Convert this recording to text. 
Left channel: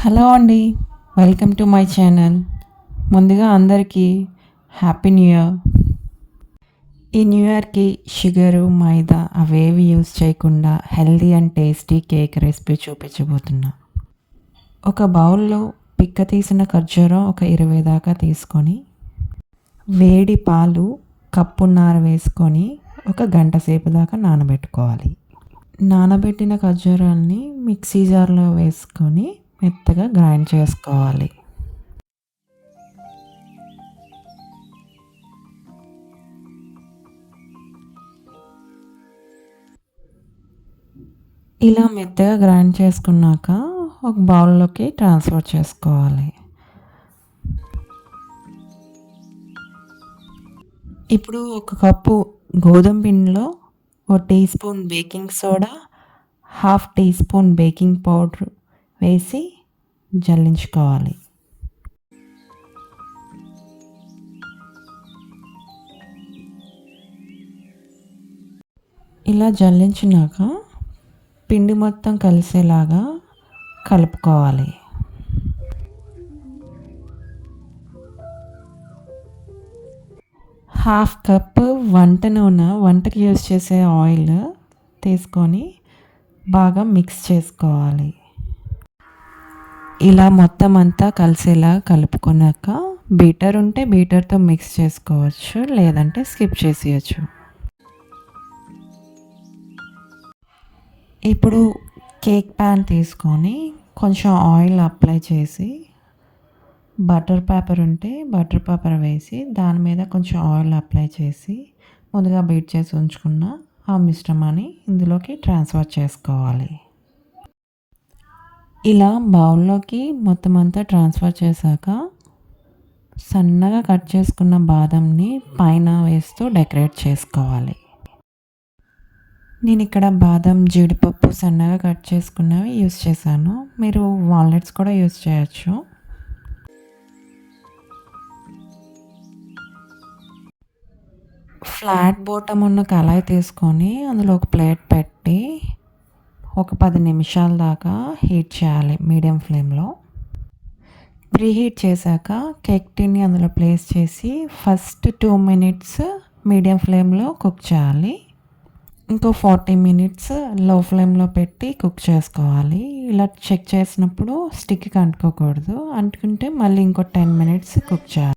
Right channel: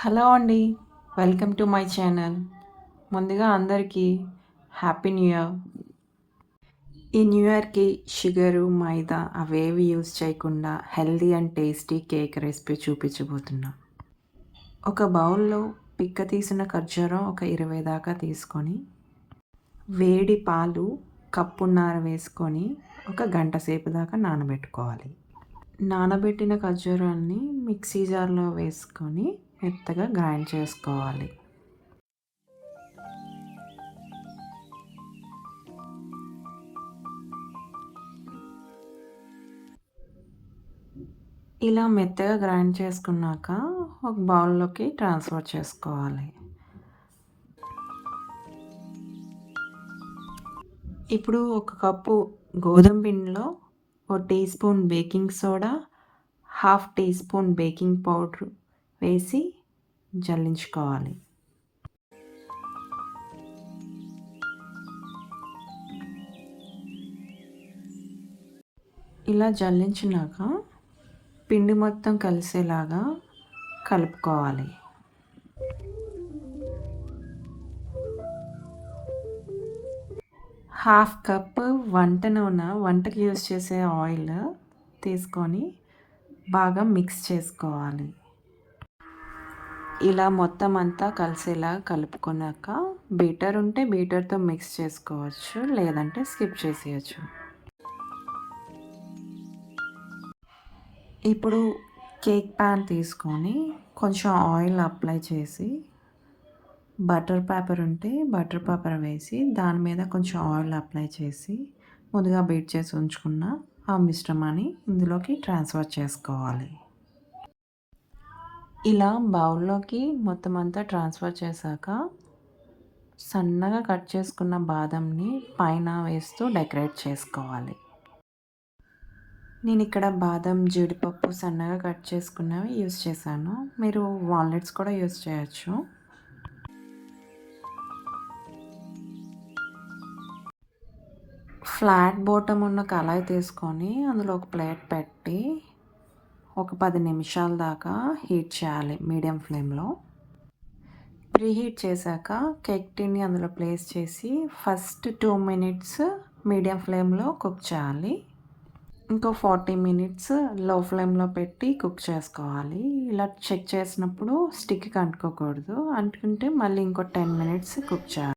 Hello అండి. Welcome to my channel. ముందుగా అందరికీ హ్యాపీ న్యూ ఇయర్. ఈ న్యూ ఇయర్‌కి షుగరు, మైదా అవేవి యూజ్ చేయకుండా healthy and tasty cake recipe చూపించబోతున్నా. ఒక బౌల్‌లో పిక్క తీసిన ఖర్జూరం ఒక 20 దాకా తీసుకొని, వేడి పాలు కప్పున్నర వేసుకొని ఒక గంట సేపు దాకా నానబెట్టుకోవాలి. నానబెట్టిన ఖర్జూరాన్ని మిక్సీ జార్‌లో వేసుకొని మెత్తగా గ్రైండ్ చేసుకోవాలి. ఇలా మెత్తగా గ్రైండ్ చేసుకున్నాక ఒక బౌల్లోకి ట్రాన్స్ఫర్ చేసుకోవాలి. ఇప్పుడు ఒక కప్పు గోధుమ పిండిలో 1 teaspoon baking soda, half teaspoon baking powder వేసి జల్లించుకోవాలి. ఇలా జల్లించినాక పిండి మొత్తం కలిసేలాగా కలుపుకోవాలి. హాఫ్ కప్ వంట నూనె, వంటకి యూజ్ చేసే ఆయిల్ తీసుకొని బాగా మిక్స్ చేసుకోవాలి. ఇలా మొత్తం అంతా కలిసేలా కలుపుకున్నాక బీటర్ ఉంటే బీటర్తో మిక్స్ చేసుకోవచ్చు, లేదంటే స్కిప్ చేసేయచ్చు. ఇప్పుడు కేక్ ప్యాన్ తీసుకొని కొంచెం ఆయిల్ అప్లై చేసి, బటర్ పేపర్ ఉంటే బటర్ పేపర్ వేసి దాని మీద కొంచెం ఆయిల్ అప్లై చేసి ముందుగా బీట్ చేసి ఉంచుకున్న ఆ మిశ్రమాన్ని ఇందులోకి ట్రాన్స్ఫర్ చేసుకోవాలి. ఇలా బౌల్లోకి మొత్తం అంతా ట్రాన్స్ఫర్ చేశాక సన్నగా కట్ చేసుకున్న బాదంని పైన వేస్తూ డెకరేట్ చేసుకోవాలి. నేను ఇక్కడ బాదం, జీడిపప్పు సన్నగా కట్ చేసుకున్నవి యూస్ చేశాను. మీరు వాల్నట్స్ కూడా యూస్ చేయొచ్చు. ఫ్లాట్ బాటమ్ ఉన్న కళాయి తీసుకొని అందులో ఒక ప్లేట్ పెట్టి ఒక 10 నిమిషాల దాకా హీట్ చేయాలి మీడియం ఫ్లేమ్లో. ప్రీహీట్ చేశాక కేక్ టిన్ని అందులో ప్లేస్ చేసి ఫస్ట్ 2 మినిట్స్ మీడియం ఫ్లేమ్లో కుక్ చేయాలి. ఇంకో 40 మినిట్స్ లో ఫ్లేమ్లో పెట్టి కుక్ చేసుకోవాలి. ఇలా చెక్ చేసినప్పుడు స్టిక్కి అంటుకోకూడదు, అంటుకుంటే మళ్ళీ ఇంకో 10 మినిట్స్ కుక్ చేయాలి.